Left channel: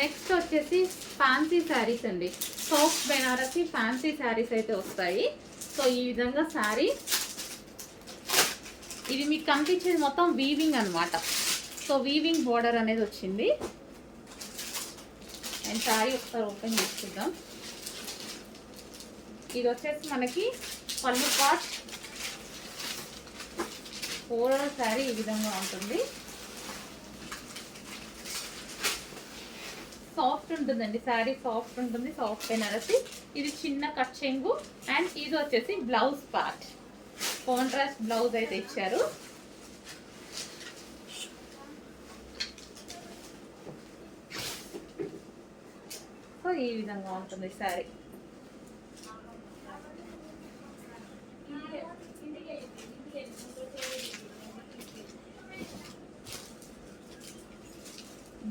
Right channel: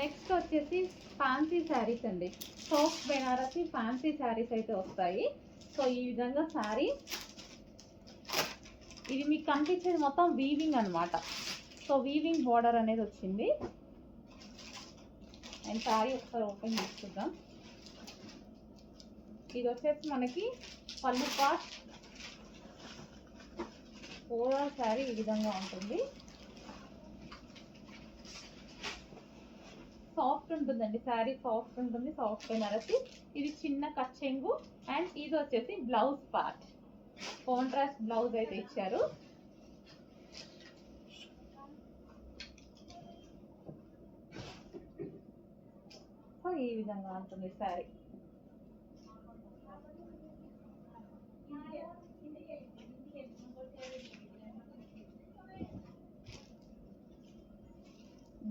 నెక్స్ట్ వచ్చేసి ఫ్యాన్సీ శారీస్ అండి. సాఫ్ట్ బెనారసి ఫ్యాన్సీ శారీస్ అయితే వస్తాయి. సో ఈ విధంగా శారీ, ఇది మీకు కనిపించేది మొత్తం వీవింగ్ అనమాట. సో వీవింగ్ బోర్డర్ అనేది వచ్చింది. అండ్ శారీ ఒకసారి ఓపెన్ చేసి చూద్దాం. ఇది వచ్చేసి మనకి పళ్ళు పార్ట్. ఓవరాల్ శారీ ఈ విధంగా ఉంటుంది. సాఫ్ట్ ఉంటుందండి శారీ, సాఫ్ట్ ఉంటుంది, సాఫ్ట్ బెనారసి. ఇది చిన్న కట్ చెంగు. అండ్ ఇది వచ్చేసి బ్లౌజ్ పార్ట్, కాంట్రాస్ట్ బ్లౌజ్ అయితే ఇచ్చారు. సో ఈ విధంగా ఉంటుంది sari.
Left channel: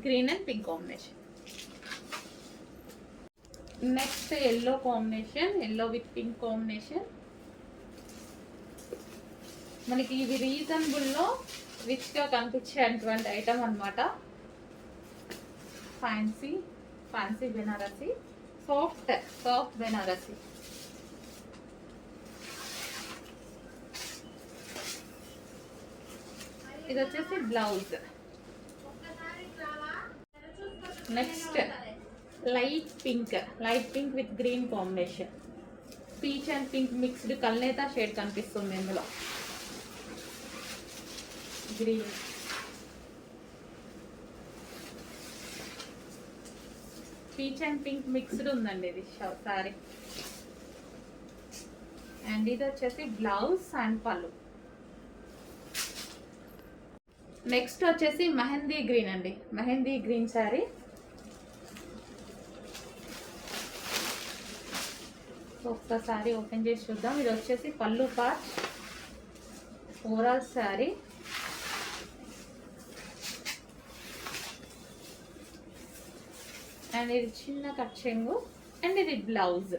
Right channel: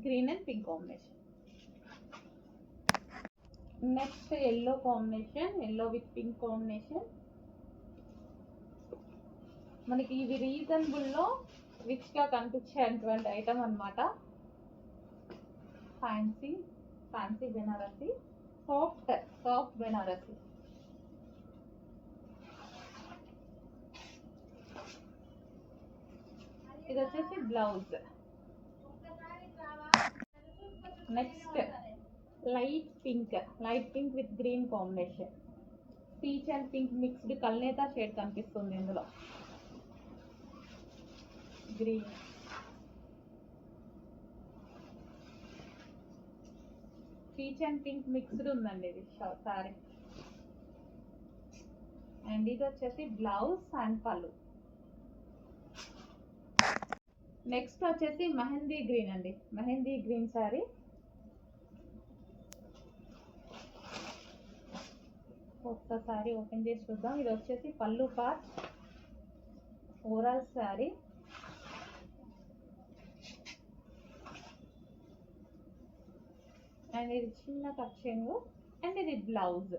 Green and pink combination. Next yellow combination, yellow with pink combination. మనకి ఇది రీజనబుల్లో రిచ్గా కనిపించేటువంటి ఐటమ్ అనమాట. Fancy Banarasi, soft Banarasi. ఇది వచ్చేసి blouse. Next light pink with green combination. Peach and pink mixed కల్నేత షేడ్ కనిపిస్తుంది ఇందులో. Green, peach and pink mixed ఉందండి ఇది సారీ. అండ్ ఇది వచ్చేసి బ్లౌజ్ అండ్ పళ్ళు. నెక్స్ట్ వచ్చేసి మెహందీ గ్రీన్ అండి, మెహందీ గ్రీన్ శారీ. ఒక్కసారి ఓపెన్ చేసి చూద్దాం. ఇది వచ్చేసి పళ్ళు పార్ట్, ఓవరాల్ శారీ. అండ్ ఇది చిన్న కట్ చెంగు. అండ్ ఇది బ్లౌజ్.